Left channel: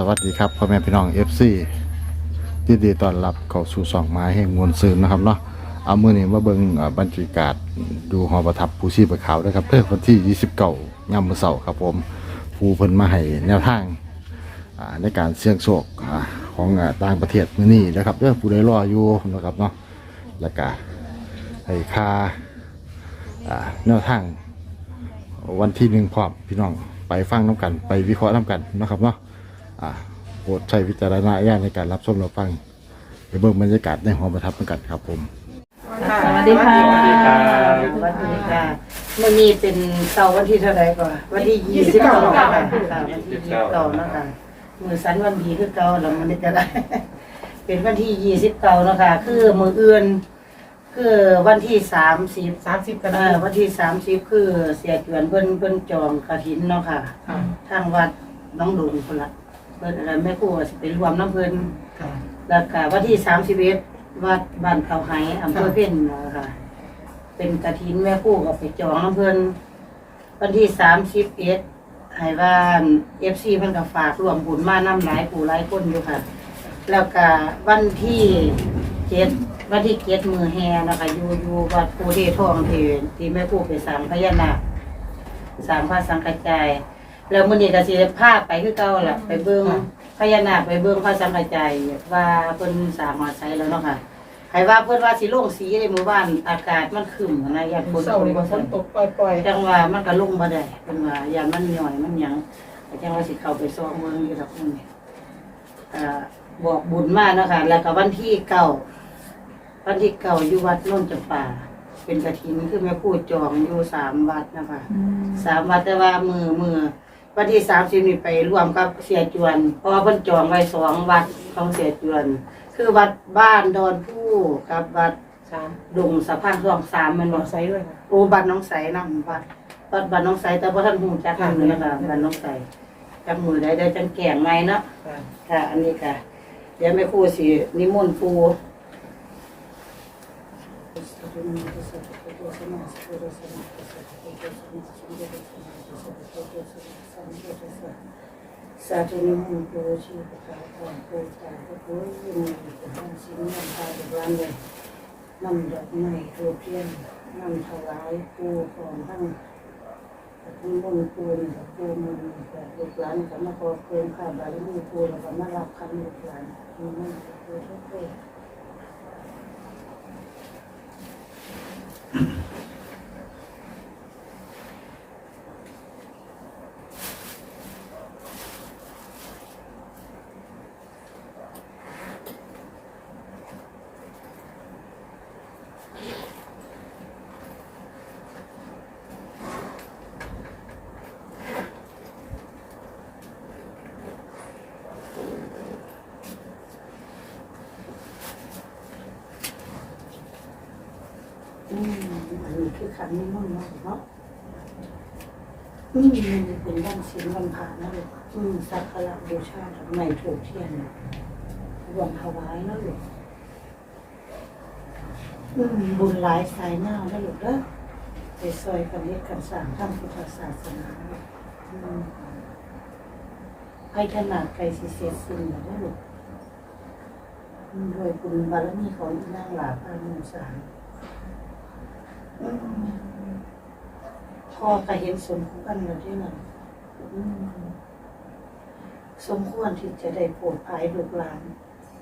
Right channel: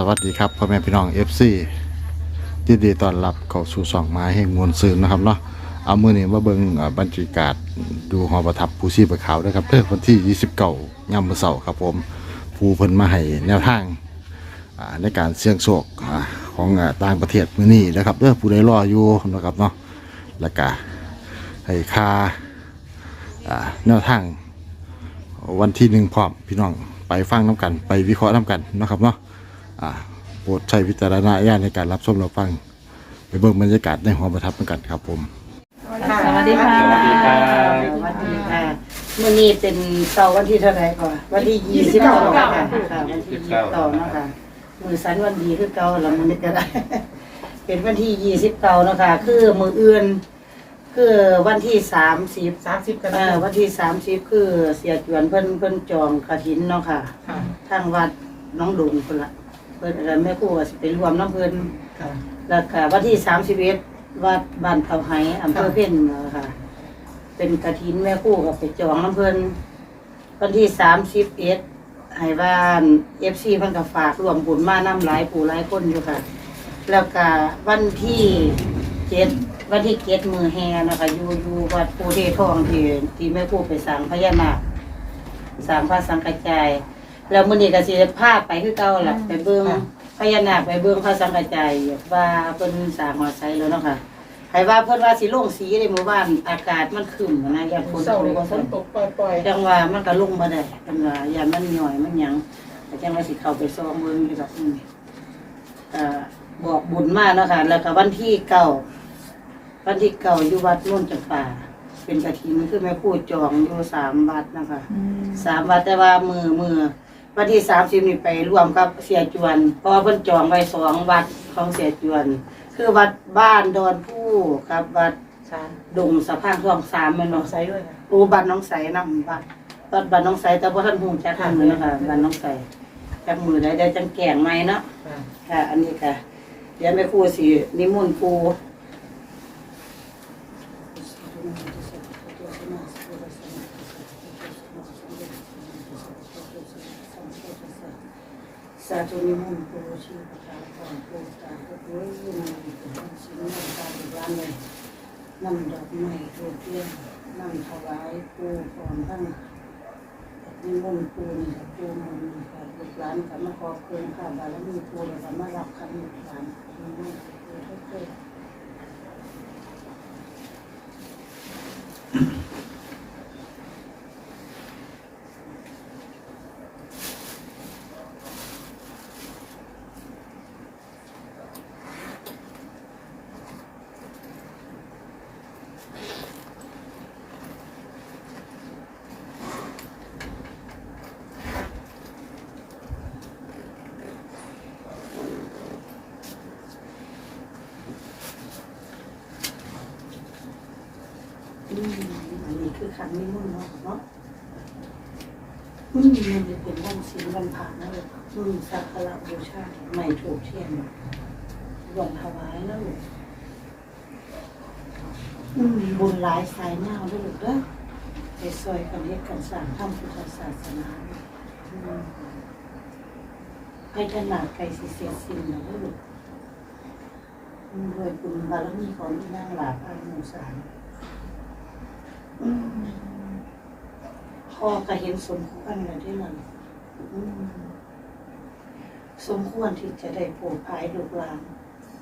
สวัสดีครับพ่อแม่พี่น้อง FC ยินดีต้อนรับเข้าสู่สองไม้แห่งมวลซืนนะครับเนาะเอามือนี้มาเบิงอ่อบรรยากาศดูหอประทับผู้ชีพขาวนะครับเพื่อวันที่ 29ยามมื้อเสาร์ครับผมผู้เพิ่นมาให้แนวทางอ่าในการเสี่ยงโชคอ่าของอ่าต่างประเทศมื้อนี้นะครับเด้อผู้ใดรออยู่นะครับเนาะแล้วก็ให้ค่าอ่าแนวทางวันที่หนึ่งพร้อมพี่น้องไปฟังน้ำกัน ไปวิเคราะห์น้ำกันนะครับเนาะ อ่าโปรดใช้วิจารณญาณในการรับชมรับฟังไปเบิ่งบรรยากาศในหอประทับน้ำกันครับผม สวัสดีค่ะสวัสดีครับสวัสดีค่ะมื่อนี้เป็นเสาร์วันที่เท่าไหร่ก่อนวันที่ยี่สิบเก้าค่ะค่ะวันที่ยี่สิบเก้าเนาะค่ะมือสันวันดีคือเก่าแล้วมันก็ได้ เป็นวันที่ยี่สิบเก้าเนาะค่ะคือมืออื่น คือวันที่สามสิบสามสิบกันเอ่อวันที่สามสิบคือเสียจวนเพิ่นเพิ่นจองกระถินเนาะค่ะค่ะทางวัดน้องดุงคนละ เพิ่นอะไรแม่ครูว่าสิไปรวมน้ำเพิ่นค่ะ แล้วก็วันที่สามสิบเอ็ดวัดบ้านเตาไห้อำเภอเพ่นเนาะค่ะ เป็นกระถินแม่ครู่กับไปจองน้ำเพิ่นวันที่สามสิบเอ็ดให้บ้านเอฟซีเพิ่นก็ฝากรวมบุญมาน้ำหลายปู่หลายคนอยู่ค่ะ แล้วก็วันที่เจ็ดวันที่เจ็ดมือแฮนะคะอยู่อยู่วัดปูเททองที่ที่แม่ครู่ไปสร้างพญานาค สร้างพระสังฆจาย แล้วมื้อนี้ก็สิได้พาไปคือเก่าล่ะไปเบิ่งพญานาคไปเบิ่งพระสังฆจายว่าเพิ่นสร้างหอไซแล้วเนาะค่ะให้ว่าเพิ่นว่าสิลงสีในหมู่บ้านอากาศมันครึ้มนะอย่าฝนเศร้าตเลยกบ่ฝซั่นนตกปล่อยจังว่ามันก็ลงบ่ได้เพิ่นว่าอย่ามันหย่อยมันหยังแต่จังว่าสิเข้าไปซ้อมเมืองอยู่ดอกมื้อนี้อ่าบอกบุญมาเนาะค่ะ แล้วก็วันที่เก้าวันที่เก้าอยู่วัดโน่นจำปาเป็นกระถินคือแม่ครู่จองอยู่สามวัดนะคะสามวัดแต่ว่ามือมือ วันที่สามสิบนี่ไปร่วมกับเสียจวน เพราะว่าเพิ่นจองไว้สองวัดของเสียจวน คือวัดบ้านดอนผู้กับวัดๆสามดงสะพานช่วงสามแมันบลอองกไซด้วยค่ะ โอ้บ้านน้องใสนำวัดวัดบ้านน้องใสแต่ว่าท่านหูจักมือนะคะบ้านน้องใสจักมือได้ได้จังแก่งไหมเนาะ ค่ะค่ะอันนี้ค่ะ เดี๋ยวแม่ครูสินิมนต์ปู สาธุนิมนต์ปูชีพระาพรปูตาพระปุ้ยยินดีเป็นท่านชิ้นนำไปอีกวันเลยนำดอกไม้ทูบเทียนนำถวายปูก่อนทั้งมีมนต์ปูนกับปูมันกับลูกหลานกับมาขอเพิ่มข้าบารมีปูแล้วก็มารับคันลูกหลานมีมนต์ปูทุกตัว Mm-hmm. คือขันนิมนต์เนาะเนาะอืมมันจะเป็นวันศีลวันพระนะลูกอืมสักการะบูชาไม่ถูกเทียนรวมถวายนะลูกอืมบุญหลายสายเน่านะลูกเด้อไปซอยกันเฮ็ดกันสร้างทำพุทธศาสนาอืมให้ขนาดไกลสิเสียสิ้นนะลูกอืมด้วยบุญบารมีของที่นางหลาพามูสาร พ่อก็เห็นสมควรแล้วที่นั่นอืมสมควรที่จะได้โปรดภายลูกหลาน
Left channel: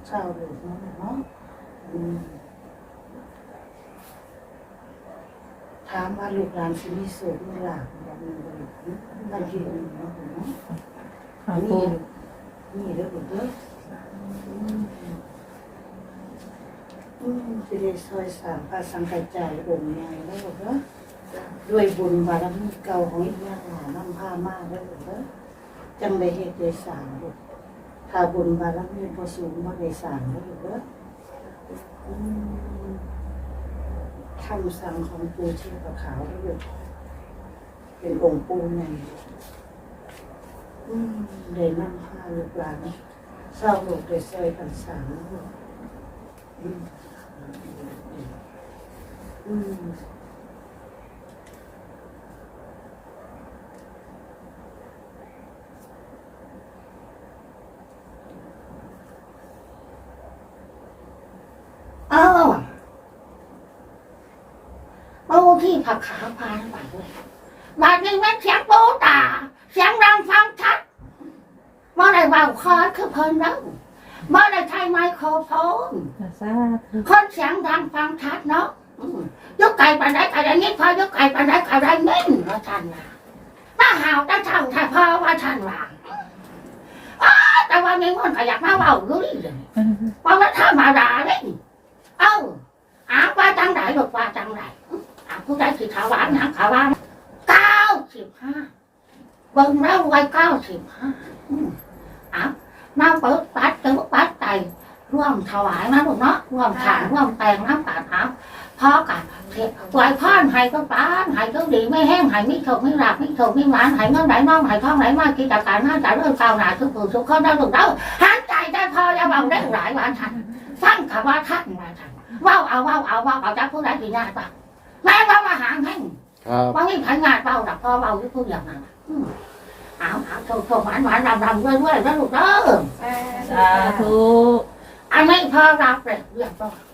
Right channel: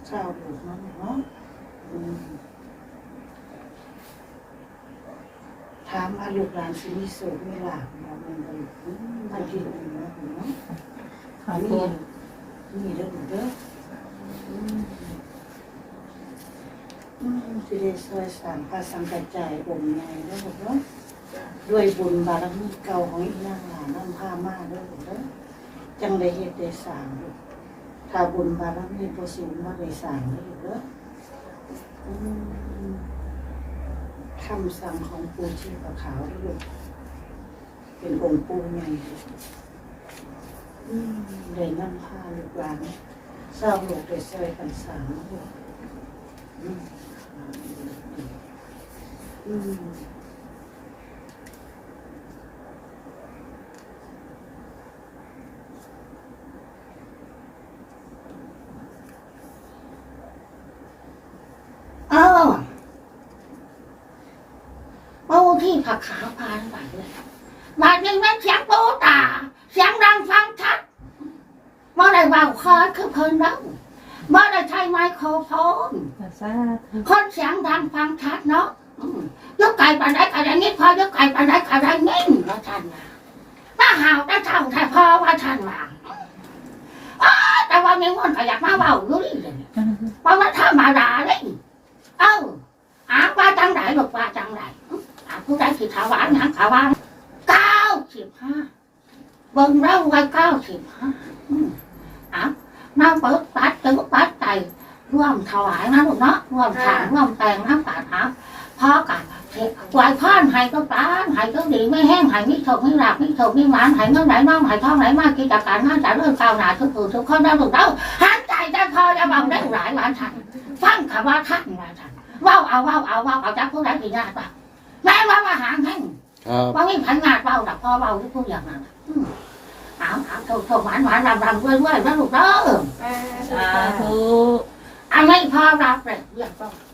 ชาวลูกเนาะเนาะอืมถามว่าลูกหลานสิมีสุขมีลาภบอกมันบ่ลูกอืมบางทีมันเนาะเนาะค่ะนี่นี่เด้อลูกเด้อ อืมอืมสิได้ช่วยสร้างพระสังฆจายองค์ใหญ่แล้วลูกเนาะด้วยบุญบารมีเก่าของอีกนาหลานนำพามาเด้อลูกเด้อจังได้เฮ็ดได้สร้างลูกถ้าบุญบารมีบ่สูงบ่ได้สร้างเด้อลูกเด้ออืมคำสั่งของปูชีพขาวเด้อลูกเป็นองค์ปูใหญ่อืมได้นำพาลูกหลานเศร้าลูกได้ซอยกันสางเด้อลูก เอาปูที่ผักขาวพานไปเลยบาดยังเป็เสียงโตตา เสียงดังฟังชัดเมื่อใดเบาคอคือเพลินนักวเมื่อใดใช้ไม้โครโฟนคนเสียงดังฟังชัดเนาะ ยกไก่ปันไดไก่ไดนิดพอยกไก่ปันไดไก่ไดนิ่งว่าท่านว่ามาหาวแต่เท่าแต่พอว่าท่านว่าอแต่วันนี้มันก็อยากมาเบาอยู่นี่เลยเพราะว่าถ้ามาด่าเนี่ยเอ้าอาว่าจังไหนบอกว่าจังไหนอาผู้ใดสิถาวรยังถาวรเก้าสิบห้าเบิ่งแล้วไว้เก้าสิบห้าอืมอะนั่งเปิดปัดตึงปัดไตร่วมถวายนะลูกเนาะร่วมถางร่วมแต่งน้ำตาท้า พ่อกันเทไหวพ่อนให้ก็ปานให้ก็ดีไม่แห้งให้ไม่ถกไม่หลับไม่ถกไม่หวานให้เงินไหลน้องให้ทองไหลมากิจการน่าจะเริ่มก้าวหน้าทุกผู้ทุกคนได้ลูกเด้อหันใจได้พอจะเบาได้หลายวันทันฟังคำว่าท่านว่าทันว้าวเอาว้าวเอาว้าวเอาจากผู้ใดที่ยากป่ะแม่ว่ามาหาแห่งว่ามีพันงานเบาหนักพอเบาที่พูดอย่างนั้นอืมเอาเอาโถโถหวานหวานรำรำด้วยด้วยนะลูกเด้อสาธุอันไม่พอรับเลยเรียบร้อยอั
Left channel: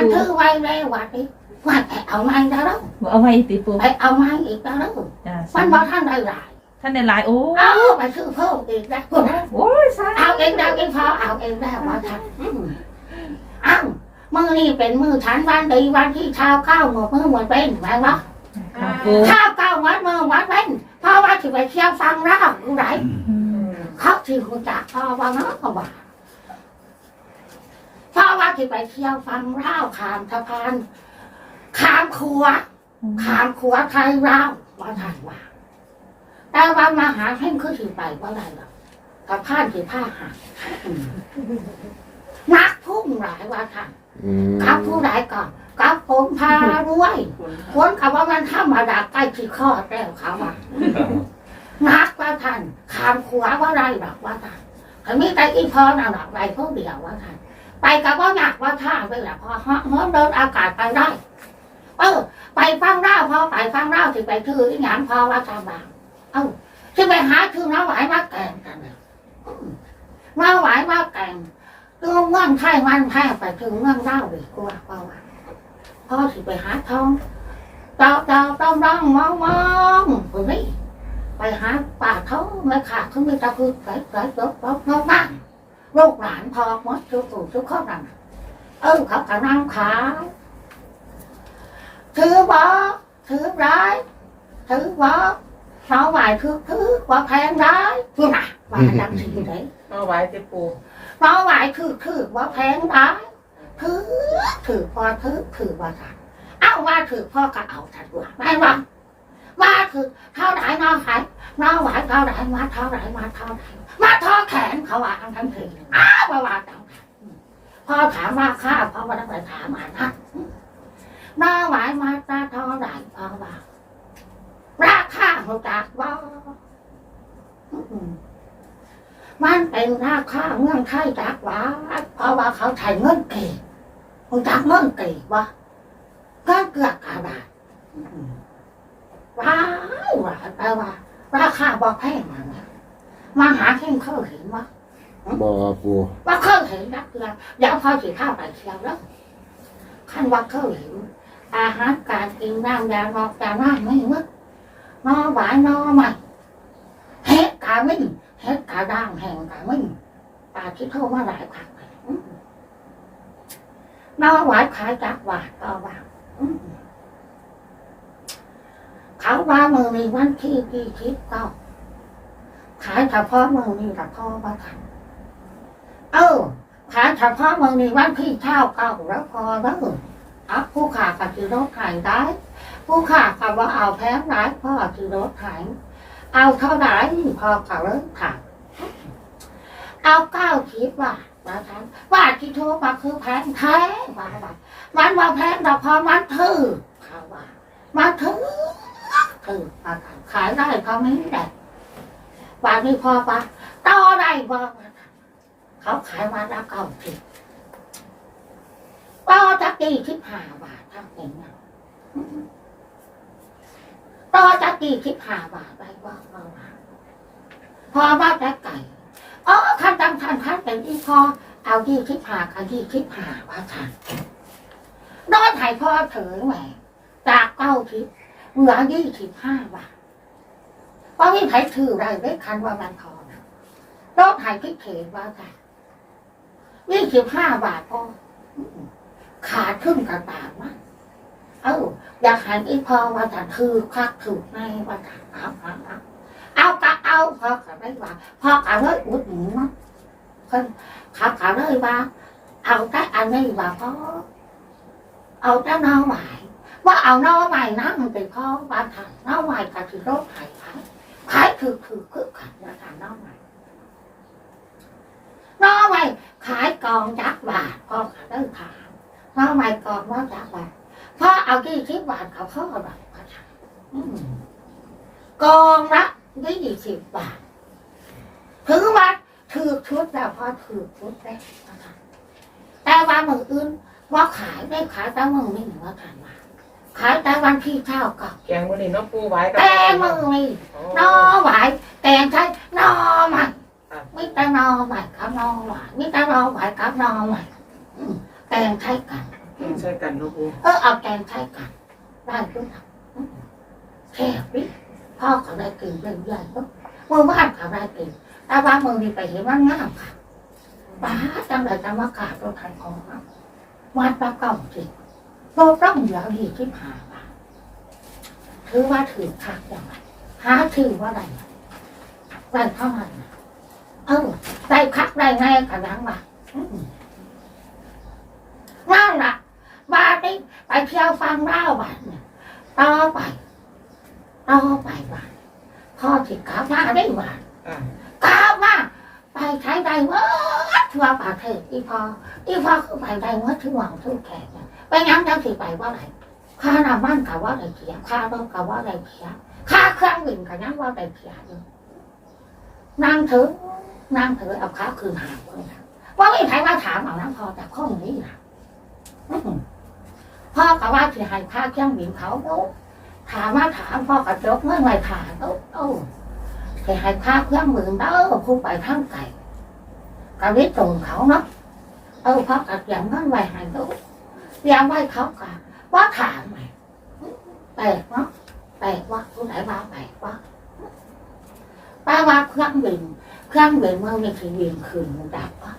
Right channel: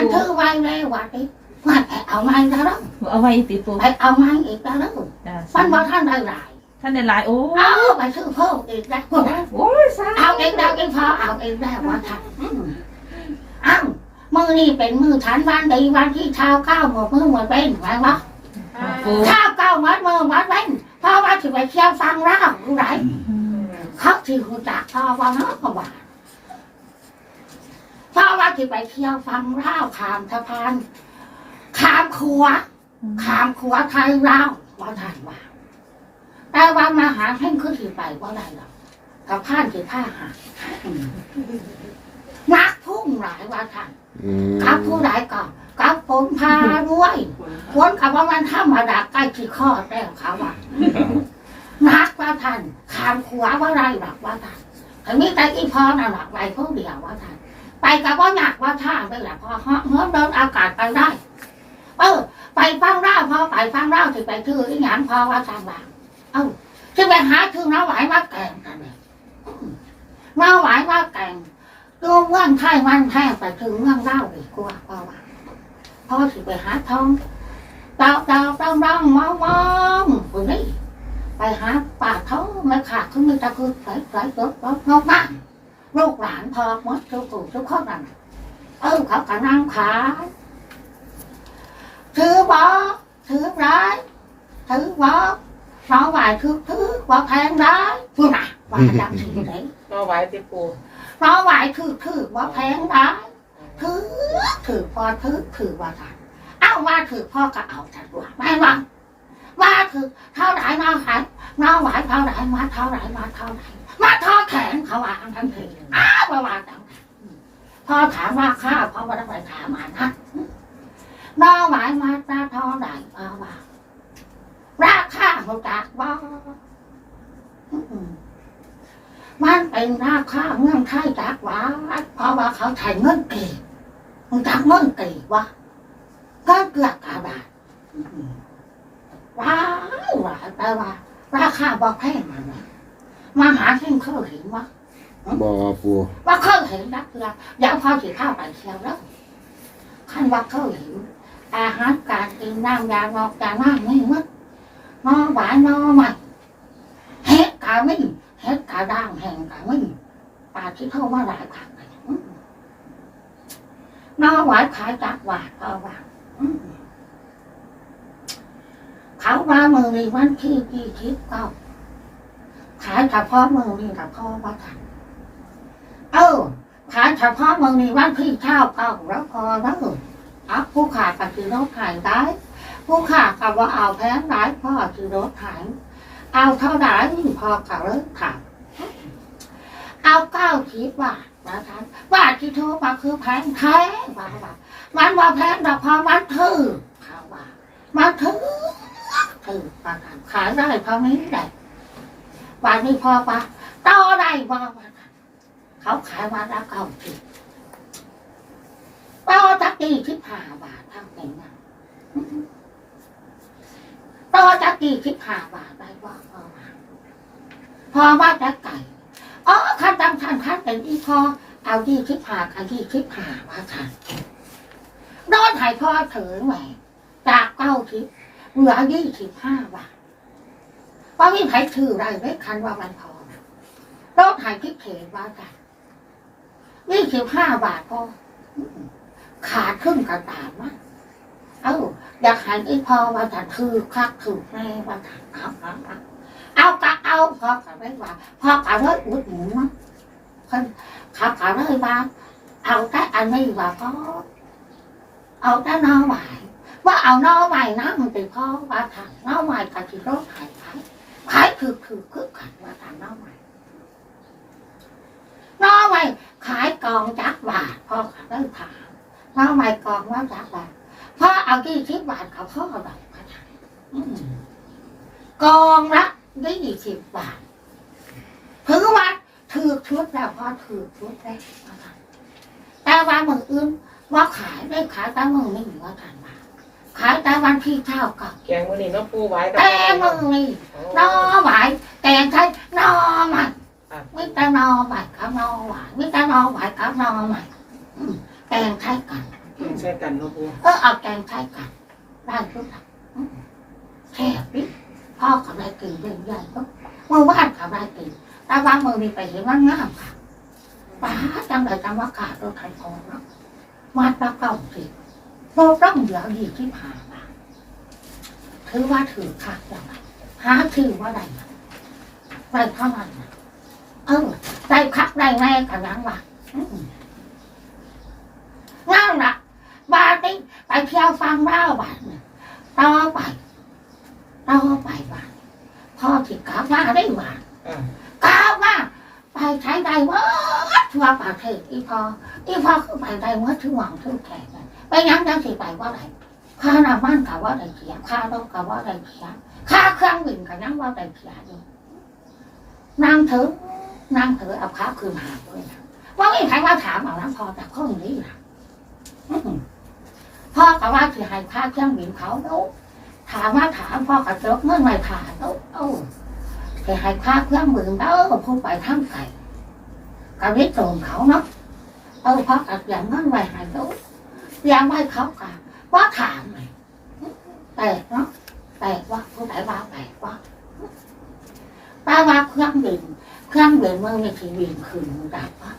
นถือไว้ในวัดนี้ว่าไปเอาไม้แล้วเอาไว้ติปูไปเอาไม้อีกแล้วจ้ามันบอกท่านได้หลาย ท่านในไลน์โอ้เอาไปซื้อเพิ่มอีกแล้วโอ้ยสาเอาเองแล้วเองพอเอาเองแล้วว่าท่านอืมเอามือนี่เป็นมือฉันวันดีวันที่เช้าเก้าหมดมือหมดเป็นไหมวะปูเช้าเก้าหมดมือหมดเป็นเพราะว่าที่ไปเที่ยวฟังเล่าอยู่ไหนอืม เขาที่คุณจักพ่อว่าเนาะก็ว่าเพราะว่า ที่ไปเที่ยวฟังเล่าขามสะพานขามครัวขามครัวไทยเล่าว่าท่านว่า แต่ว่ามาหาเพ่งคือถือไปว่าไรหรอกสะพานถือผ้าหานักพุ่งหลายว่าท่านอืมกับผู้ใดก่อนกับผมพารวยคนกับว่ามันธรรมดาใกล้ที่ข้อแล้วเขาว่านักว่าท่านขามขวาว่าไรหรอกว่าท่านถ้ามีแต่อีพอน่ะหรอกไปพวกเดียวว่าท่าน ไปกับว่าหนักว่าท่าไปแหละพอเฮ้เฮ้เดินอากาศไปได้เออไปฟังเล่าพอไปฟังเล่าที่ไปชื่อที่หยังพอว่าท่านว่าเอ้าที่ไปหาชื่อน้าไหวมาแกงกันเลยน้าไหวมาแกงตัวเมืองไทยมันแพ้ไปถึงเมืองเล่าดีกว่าเพราะว่าพ่อสิไปหาทองดาวดาวดาวดาวมองมองคนนี้ไปหาป่าเขาไม่ขาดเขาไม่ตะคือใส่ใส่รถรถนอกบ้าน ลูกหลานพอหมดทุกคนทุกคนนั่นน่ะเออเขากำลังขายถือบ่ถือร้ายถือบ่เราไหวถือถือบ่แพงร้ายพูดน่ะว่าดังสิ่งไหนมาไว้ติปูเราไหวถือถือบ่แพงร้ายถือถือพอถือถือว่าทันเอาว่าถือพ่อก็เอาทันว่าไม่ว่าว่าถือเท่าไหร่มาขาย เราไหวเท่าไหรมาเท่าไหรมาเท่าไหรมาท่อแขนเขาว่าทั้งทั้งทีอ้าวว่าว่าจังพอถามราคาเพราะว่าต้องไปถามอ่านนะเราไหวมาตาเท่าไหรเพราะว่าราคาเขาจากว่ามันเป็นราคาเมืองไทยจากว่าเพราะว่าเขาใช้เงินเก่งมันจากเงินเก่ว่าก็เกือบกระดาษอืมว้าวว้าแปลว่า ราคาบอกแพงมานะมาหาเท่งเขาเห็นว่าบอปูว่าเขาเห็นนักเรือเดี๋ยวพอถือข้าวไปเชียวแล้วขั้นว่าเขาเห็นอาหารการกินน้ำยานอกยาน้ำไม่หมดนอหวานนอใหม่เฮ็ดกามิ่งเฮ็ดกาด่างแห่งกามิ่งปลาที่เข้ามาหลายผักไปอืมนอหวานขายจากหวานก็ว่าอืม เขาว่ามือนี้วันที่ที่คิดก้าขายเฉพาะมือนี้กับพ่อว่าทันเออขายเฉพาะเมืองนี้วันที่เช่าเก่าแล้วพอแล้วเอาผู้ขากับซื้อรถขายได้ ผู้ขากับว่าเอาแพงได้พ่อซื้อรถขายเอาเท่าไหร่พอกับเริ่มขายเอาเก้าสิบบาทมาทำบาทที่โทรมาคือแพงแท้ว่าว่ามันว่าแพงเราพอมันถือเขาว่ามันถือ ถือมาทำขายได้เพราะนี้ได้บาทนี้พอปะต่อได้บ่เขาขายวันละเก้าสิบต่อตะกี้สิบห้าบาทเท่านั้นนะต่อตะกี้สิบห้าบาทไปว่าพอาพอว่าแต่ไก่อ๋อขั้นตำทันขั้นเป็นอีพอเอาที่สิบห้ากันที่สิบห้าว่าทันนอนหายพ่อเถิงแหมไปจากเก้าสิบ เหลือยี่สิบห้าบาทว่ามีใครถือได้ได้คันว่ามันพอนะรถหายพิเศษว่ากันยี่สิบห้าบาทพอขาดครึ่งกระตามั้งเอ้าอยากหายอีพอว่ากันคือคักถือในว่ากันเอาเอาเอาเอากะเอาพอกันได้ว่าพอกันเลยอุดหนุนมั้งเพิ่นขับกันเลยว่าเอาแต่อันนี้ว่าพอเอาแต่น้องใหม่ว่าเอาน้องใหม่นะมันเป็น พ่อว่าทางนอใหม่กับที่รถขายขายขายถือถือคือขันว่าทางนอใหม่นอใหม่ขายกองจักบาทพ่อขาได้ถามนอใหม่กองว่าจักบาทพ่อเอากี่สิบบาทเขาพ่อแบบเขาถามอืมกองละยี่สิบบาทถือว่าถือชุดแล้วพ่อถือชุดแล้วแต่วันมืออื่นว่าขายได้ขายแต่มือนี่ว่าทาน ขายแต่วันที่เท่ากับแกงวันนี้น้องปูไว้กัแต่มือนี่นอหวายแต่งใช้นอใหม่ไม่แต่นอใหม่กับนอหวายไม่แต่นอหวายกับนอใหม่อืมแต่งใช้กันใช่กันน้องปูเออเอาแต่งใช้กันได้ทุกอย่างอืมแค่นี้พ่อกับได้กินเรื่องใหญ่ก็เมื่อวานกับได้กินแต่ว่ามือนี่ไปเห็นว่างามค่ะป้าจังเลยจังว่ากาตัวไทยของเราวัดพระเก้าสิบโลต้องเหลือยี่สิบห้าบาทถือว่าถือคักอย่างไรหาถือว่าไรไรเท่านั้นน่ะเออได้คักได้แน่กันยังวะอืมนั่นล่ะบาทนี้ไปเที่ยวฟังเล่าบาทเนี่ยต่อไปต่อไปบาทพ่อที่กล่าวว่าได้บาทอ่าก้าวมาไปใช้ได้วัดทั่วประเทศอีพออีพอคือไปได้วัดทั่วหวังทั่วแขกน่ะ ไปยังยังสิไปว่าไรข้าน้ำมันกัว่าไรเสียข้าต้องกับว่าไรเสียข้าเครื่องบินกับยังว่าไรเสียอยู่นางเถอะนางเถอะเอาข้าคืนหาเลยว่าไม่ใครว่าถามเอาน้ำพอจากข้อนี้นะพ่อกับว่าสือหายค่าเครื่องบินเขาโน้ถามว่าถามพ่อกะบจกเมื่อไรถามโน้โอ้ถือหายค่าเครื่องบินเออพูดไปทั้งไก่ก็วิ่งตรงเขาเนาะเออพ่อกับเสีงเมื่อไรหายโน้ đạp quá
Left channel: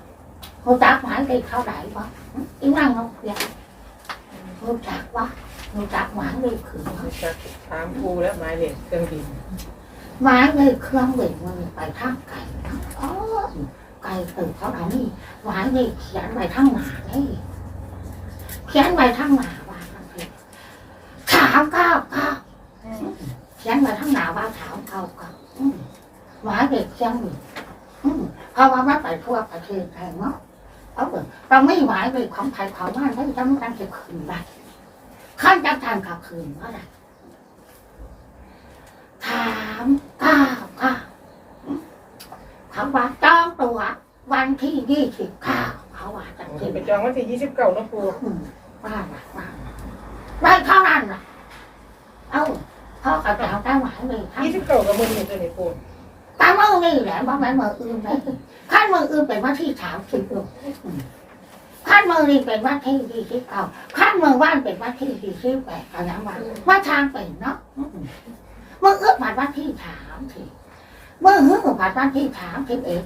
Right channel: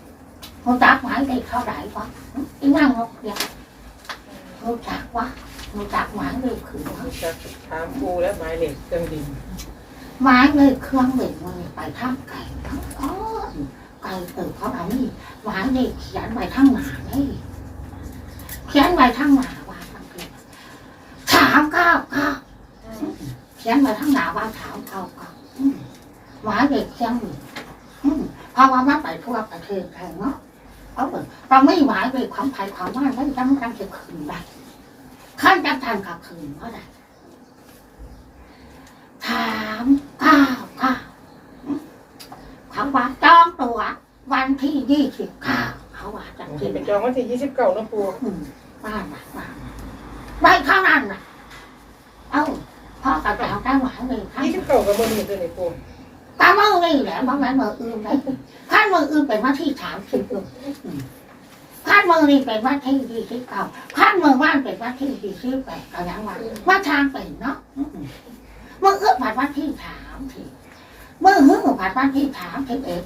một đạp mãi đây thao đại quá ý năng không dạ một đạp quá một đạp mãi đây khừng quá ถามปูแล้วหมายเลขเครื่องบินไม้เลยเครื่องเบ่งมันไปทางไก่ทั้งอ้อนไก่เออเขาเอานี่ไม้เลยเขียนไว้ทั้งหนานี่ เขียนไว้ทั้งหนาว่าทั้งเพศถามเก้าเก้าเขียนไว้ทั้งหนาว่าถามเก้าเก้าหมไม้เลยเขียนอยู่เพราะว่ามันไปทั่วประเทศไทยเนาะเอาเปิดเราไม่หมายเลยของไทยของบ้านไม่จำต้องเก็บคืนไปขั้นจังทางกับคืนว่าไร ถามก้าวก้าวเขาว่าจองตัววันที่ยี่สิบเก้าเขาว่า จะที่กินเป็นจองวันที่ยี่สิบเก้าน้องปูอืมบ้านน่ะบ้านน่ะได้เท่านั้นน่ะ เอ้าพ่อกับเราได้หวานเลยครับยี่สิบเก้ากับบนนี้เลยปูตามมือนี่แหละบ้านแม่มืออื่นเลยขั้นมืออื่นเป็นวันที่สามสิบเอ็ดขั้นมือนี่เป็นวันที่ยี่สิบเก้าขั้นมือว่านเป็นวันที่ยี่สิบแปดก็ยังว่าว่าทางเป็นเนาะอืมมืออื่นผ่านวันที่สามสิมือหื้อผ่านวันที่สามสิบเอ็ด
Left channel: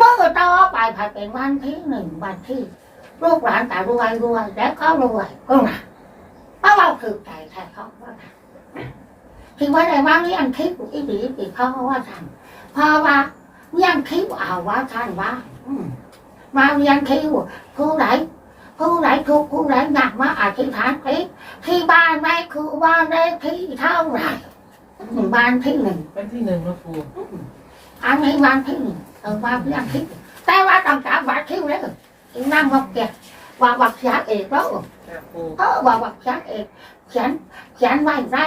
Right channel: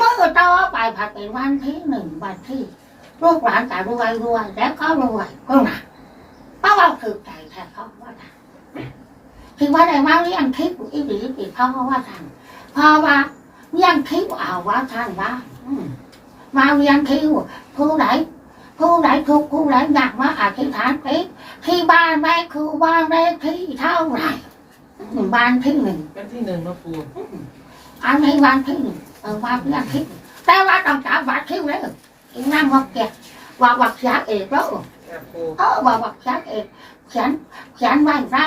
มือต่อไปผ่านเป็นวันที่หนึ่งวันที่ลูกหลานแต่รวยรวยแล้วก็รวยก็หนักเพราะเราถือใจแทนเขาว่าทำที่ว่าในว่าเลี้ยงทิพย์อีบีอีเขาว่าทำเพราะว่าเลี้ยงทิพย์เอาว่าท่านว่าอืมมาเลี้ยงทิพย์ผู้ไหนผู้ไหนทุกข์ผู้ไหนหนักมาอธิษฐานทิพย์ที่บ้านแม่คือบ้านเลขที่เท่าไหร่อืมบ้านที่หนึ่งวันที่หนึ่งน้องปูอันนี้บ้านที่หนึ่ง เออบ้านเลี้ยงทิพย์แต่ว่าต้องจับวัดที่เลยอีนั่งงอกแกว่าวัดยาเอกแล้วจ้าปูเออว่าวัดยาเอกเขียนเขียนไว้ได้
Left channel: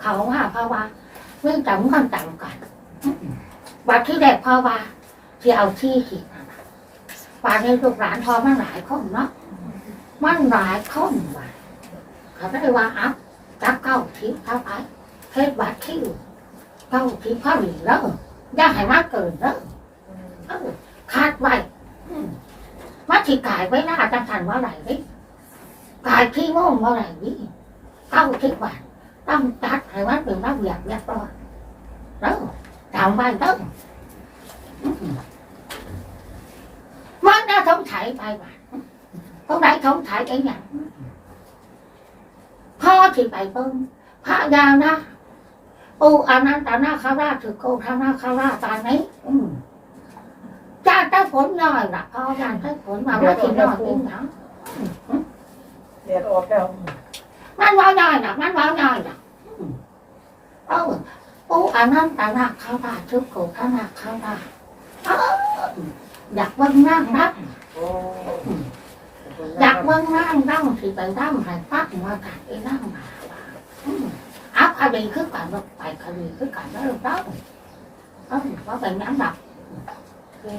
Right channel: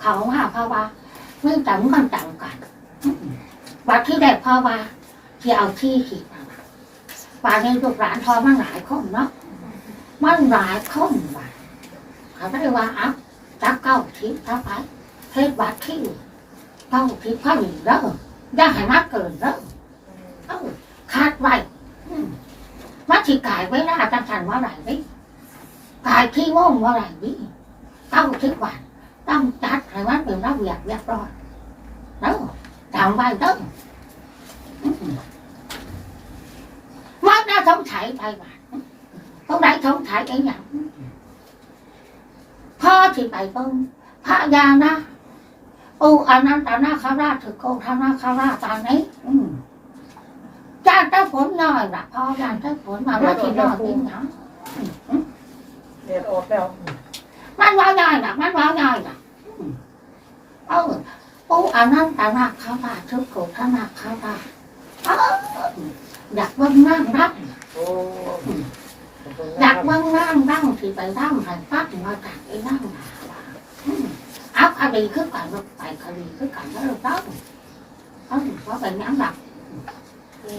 เขาหยังวัดที่เนาะวัดที่หมายเลขไหมบัดเออบัดชิวปูวัดที่นี่นี่หมายเลขถึงเอาเก้าสิบคนเก้าสิบคนเอาเก้าสิบคนมาหมดแล้วบางทีหนึ่งเลยอืมเออเขาว่าเพราะว่าเรื่องจังกันจังกันวัดที่แรกเพราะว่าที่เอาที่ขีดมาป่านนี้ลูกหลานทอมันหลายคนเนาะมันหลายคนว่ะเขาไม่ได้ว่าอัพจับเก้าทิพย์เข้าไปเฮ็ดบัตรคิวเก้าทิพย์เข้าอีกแล้วย่าให้มากเกินแล้วคาดไว้มมาที่กายไว้ล่าจังสันว่าไหนนี่กายที่โม่งว่าไหนนี่เก้าทิพย์บาท ต้องจัดให้ว่าเป็นระเบียบเรียบร้อยแล้วจำไว้เด้ออืมมันน่าสงสัยไปบาทตรงไหนสงสัยไอ้หยังพ่อที่ไปเบิ่งพระยานะโอ้อันนั้นตาหน้าคาราชถือโกทานาคาราชตานี้อืมจานได้ผลหน่อยละพ่อจานได้ผลมาว่าที่นอนกินหยังเดียดออกแล้วมันว่าได้นะมันว่าได้นะอืม เออโอ้อันนั้นตาหน้าคาราชถือโกทานาคาราชเอออยากเบิ่งนั่งนักโอ้อยากเบิ่งนั่งนั่งที่ไปนั่งให้ฟักมาจากไอ้นั่งมาว่าอืมเอาคดีคือกันเราไปคดีคือกันแล้วเราต้องเอาว่าเป็นน้ำหนัก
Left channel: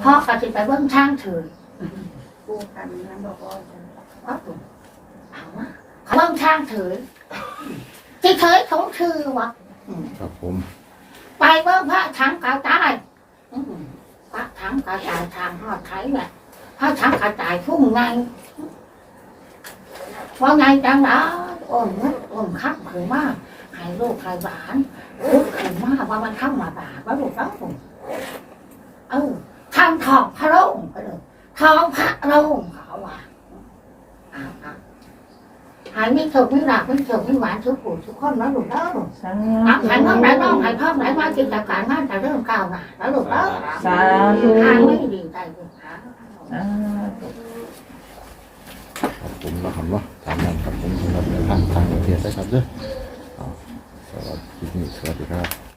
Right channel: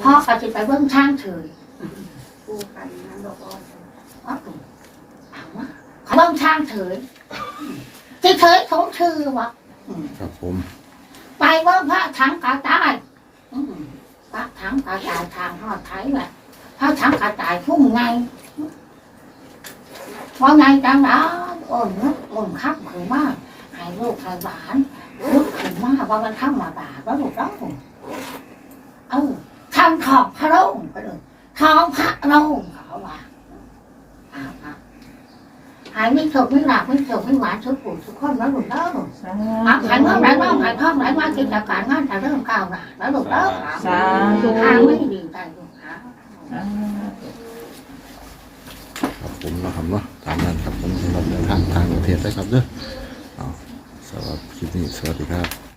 พ่อก็จะไปเบิ่งช่างเถื่อนปูกันนั้นบอกว่าเอาตุเอามาเบิ่งช่างเถื่อน ที่เถื่อนของชื่อวะอืมครับผม ไปเบิ่งพระถังกาตายอืมพระถังกาตายทางทอดไทยแบบพระถังกาตายพุ่งไงพอไงจังนะโอ้ยนึกโอ้ยคักคือมากให้ลูกให้หลานลูกคือมากว่ามันเข้ามาบาดว่าลูกต้องเออทำทองพระโรงก็เลยทองพระโรงเขาว่าเอาเอา หายไม่สุกไม่หลับไม่สุกไม่หวานทุกผู้ทุกคนแล้วลูกเด้อสาอะธุหายเมื่อไหร่บ้างหายพ่อไหนมากินจากการงานแต่เรื่องเก่าน่ะแล้วลูกเด้อสาธุทางไม่ดีใจลูกหาสาธุครับผมนะครับเนาะตามนั้นครับผมสำหรับในทางทางประเทศนะครับเด้อเอาสวัสดีคลิปนี้สวัสดีครับ